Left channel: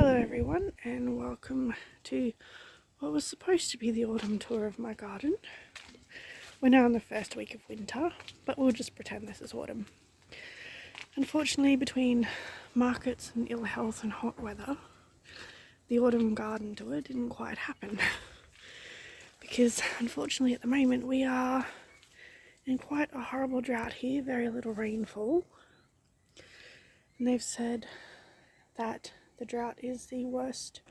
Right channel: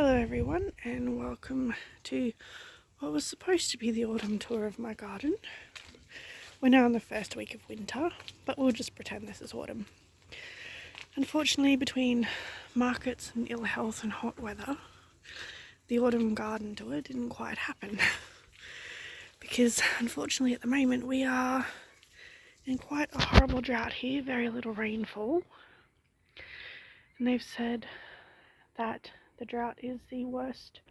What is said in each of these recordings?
Hello everyone, and welcome to what was supposed to be the autumn tour of my garden. We're now in the first week of winter, but we'll just pretend this is autumn. Unfortunately, between markets and ill health and hot weather, the autumn garden tour didn't quite happen. Because unfortunately at the moment we are in quite a horrible drought here, very little rainfall. And they've said that the drought is the worst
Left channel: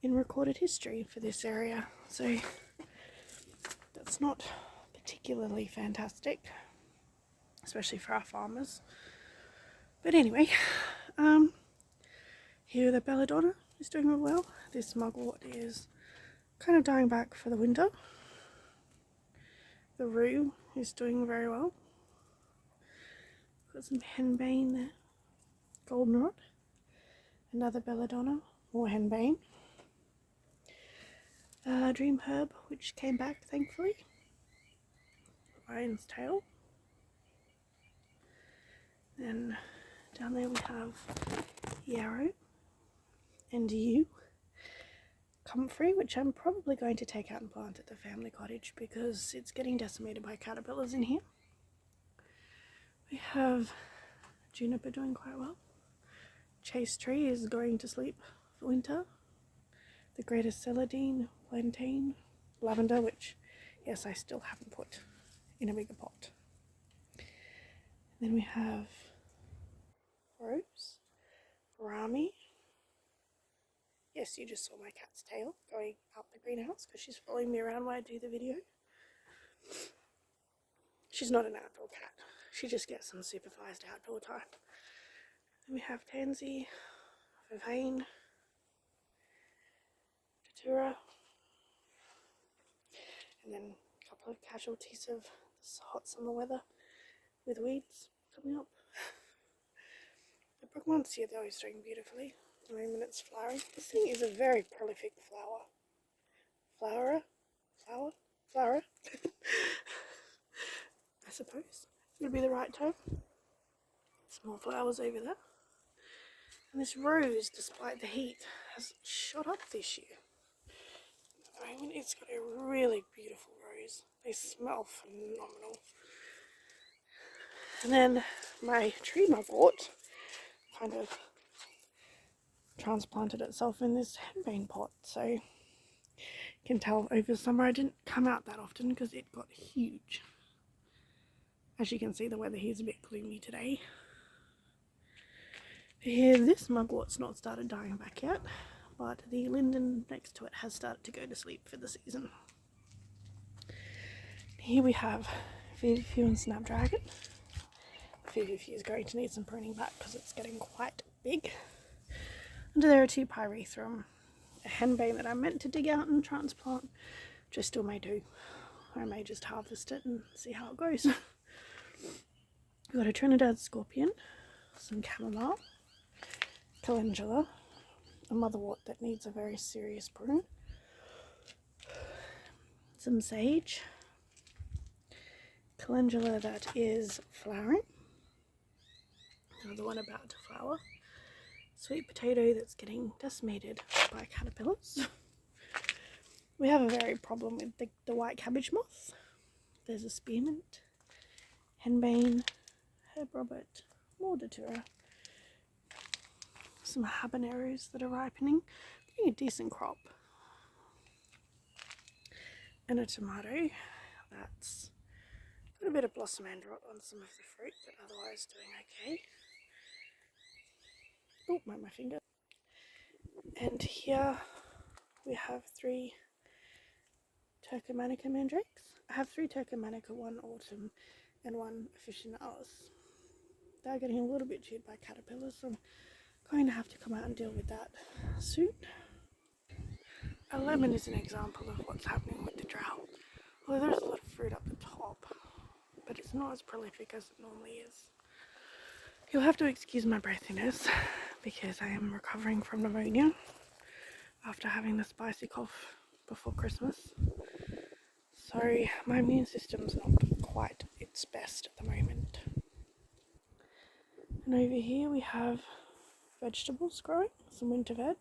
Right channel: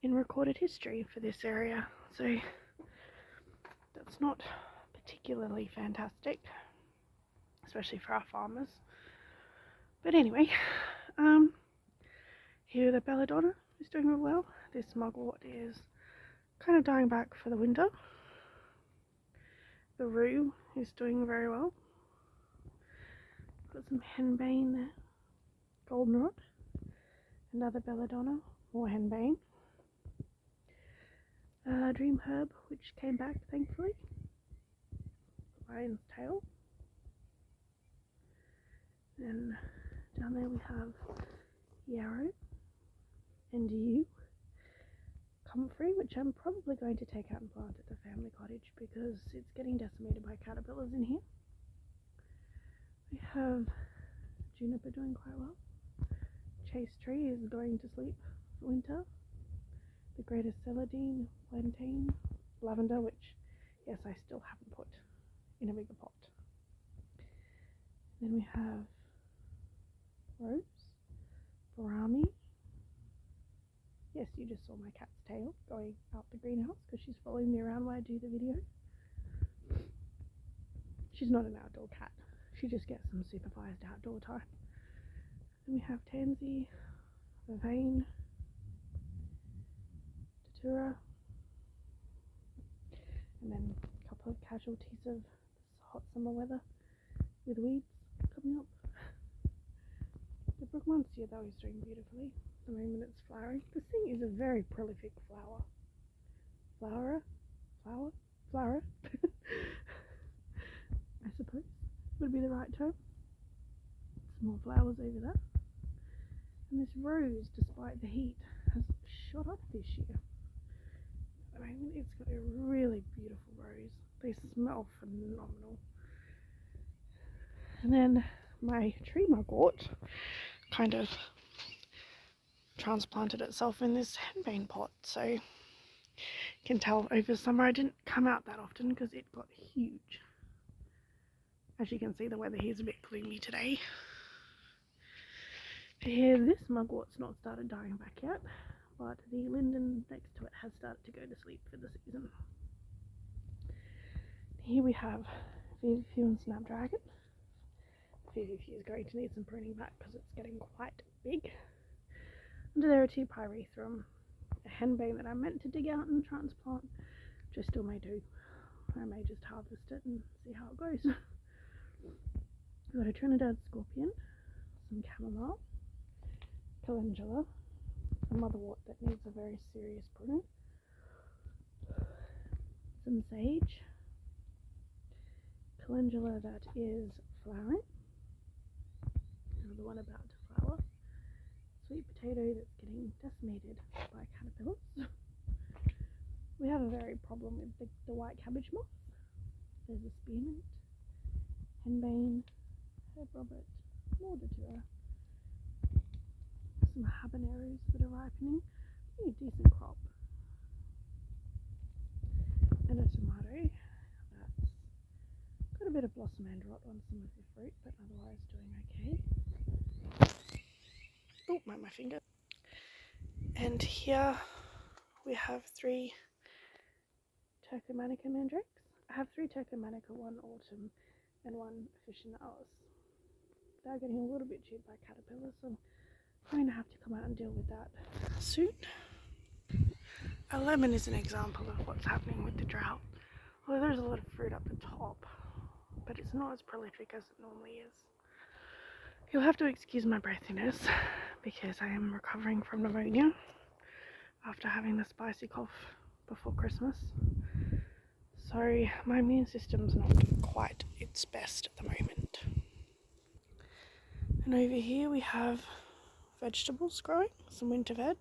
in recorded history for this area, so that's not particularly fantastic, especially for our farmers. But anyway, here the belladonna is doing real well. This mugwort is kind of dying back for the winter. The rue is doing very well. Got some henbane there, goldenrod. Another belladonna, more henbane. Dream herb, which came back thankfully. Lion's tail. Then down there we have yarrow and yew. Comfrey, which I'm probably going to take out and plant at the family cottage because it's getting decimated by caterpillars in here. We have juniper doing quite well. Chase tree is going to sleep for winter. The greatest celandine, plantain, lavender, which yes I still haven't put in a bigger pot. Then we have rose, rami. Yes, you just saw my cat's tail going out the greenhouse because she's following me around while I do the video. She's not an outdoor cat, she just gets some supervised outdoor time. Then we have tansy, vervain, datura, and then a couple of casualties of this hot summer weather with weeds coming up. The Brugmansia though is doing beautifully. At the moment it's flowering. This thing is a very prolific flowerer, I suppose would be the right term. Some more flowers over there. And this rose, despite the heat, has shot up this year. At the moment it's got a really beautiful rose. They smell phenomenal. And then my tree mugwort kind of transplanted itself in this henbane pot, so you can tell over summer I didn't come out that often because it got huge. As you can see, the weather here is a bit gloomy today. Here, this mugwort's not started dying back yet, but the linden next to it has started to go to sleep for the season. Here we have Feverfew and Snapdragon. Feverfew is going to need some pruning back because it's getting quite big. And there are two pyrethrum, a henbane that I meant to dig out and transplant, which I still may do. I may just harvest it and see how it goes. We've got a Trinidad scorpion, some chamomile, calendula, a motherwort that needs a very serious prune, some sage, calendula that is flowering, another one about to flower, sweet potato that's getting decimated by caterpillars. We have a very problem with the white cabbage moth. There's a spearmint, henbane, herb robert, more datura, some habaneros that are ripening, getting a decent crop, and a tomato that's got a bit of blossom end rot on some of the fruit, but otherwise doing okay. Oh, my finger. And here we have 3 Turcomanica mandrakes. I have 3 Turcomanica, 1 autumn and 1 officinalis. They're getting a little bit chewed by caterpillars, so I'm going to have to come out and deal with that soon. A lemon is an example of what's happening with the drought. Although there's a lot of fruit up the top, but it's not as prolific as it normally is. You'll have to excuse my breathiness because I am recovering from pneumonia after having the spicy cough before Christmas. So my immune system's not quite its best at the moment. And over here we have vegetables growing, some winter veg.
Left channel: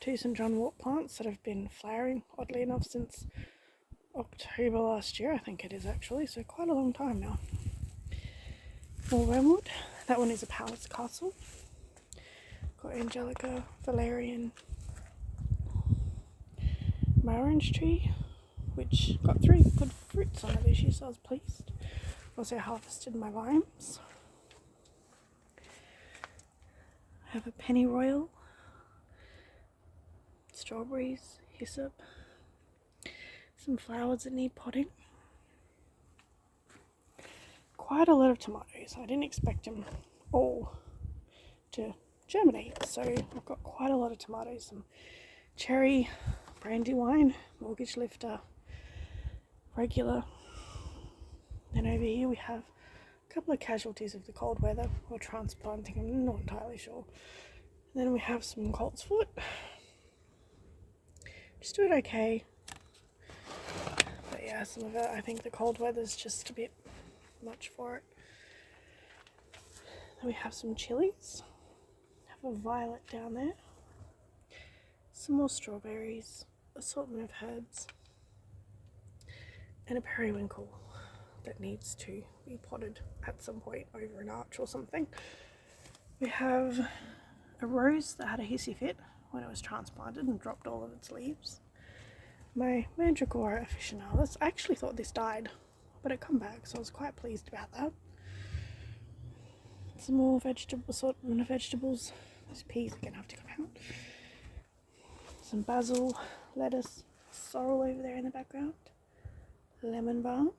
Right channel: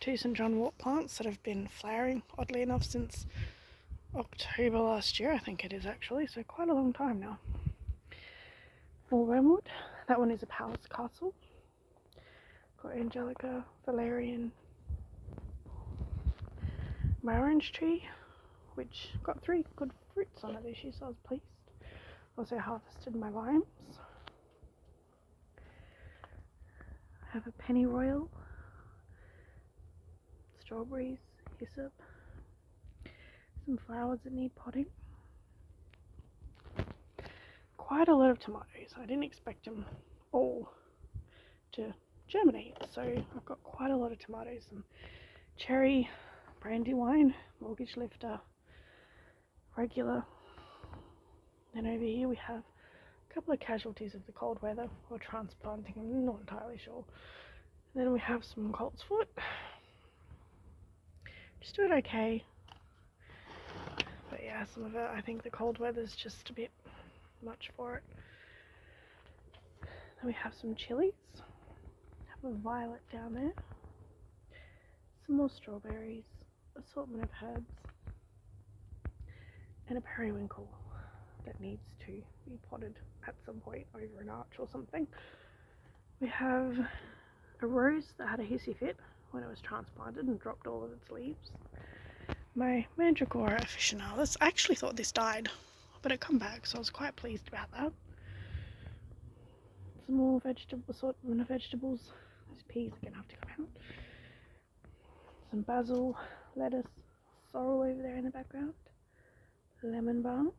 2 St John wort plants that have been flowering, oddly enough, since October last year, I think it is actually, so quite a long time now. More wormwood. That one is a palace castle. Got Angelica, Valerian, my orange tree, which got 3 good fruits on it this year, so I was pleased. Also harvested my limes. I have a pennyroyal, strawberries, hyssop, some flowers that need potting. Quite a lot of tomatoes. I didn't expect them all to germinate, so I've got quite a lot of tomatoes. Some cherry, brandywine, mortgage lifter, regular. Then over here we have a couple of casualties of the cold weather, or transplanting, I'm not entirely sure. Then we have some coltsfoot. Just doing okay. But yeah, some of it, I think the cold weather's just a bit much for it. Then we have some chilies. Have a violet down there. Some more strawberries, assortment of herbs, and a periwinkle that needs to be potted at some point over an arch or something. We have a rose that had a hissy fit when it was transplanted and dropped all of its leaves. My mandragora officinalis, I actually thought this died, but it come back, so I was quite pleased about that. Some more assortment of vegetables. Those peas are gonna have to come out. Some basil, lettuce, sorrel over there in the background, lemon balm,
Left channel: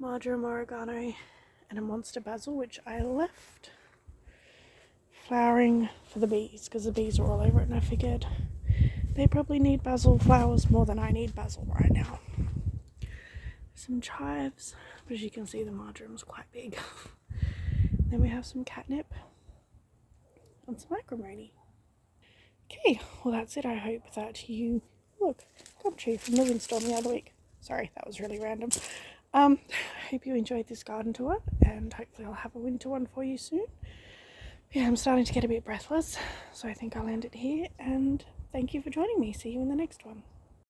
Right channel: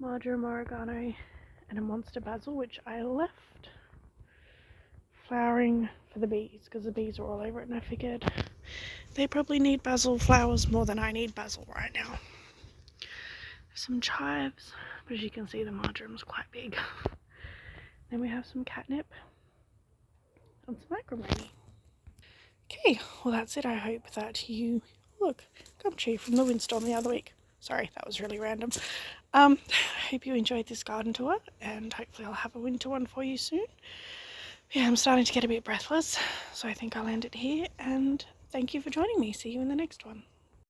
marjoram oregano, and a monster basil, which I left flowering for the bees because the bees are all over it, and I figured they probably need basil flowers more than I need basil right now. Some chives, but as you can see the marjoram's quite big. Then we have some catnip and some acrimony. Okay, well that's it. I hope that you... Look, gum tree from the windstorm the other week. Sorry, that was really random. I hope you enjoyed this garden tour, and hopefully I'll have a winter one for you soon. Yeah, I'm starting to get a bit breathless, so I think I'll end it here, and thank you for joining me. See you in the next one.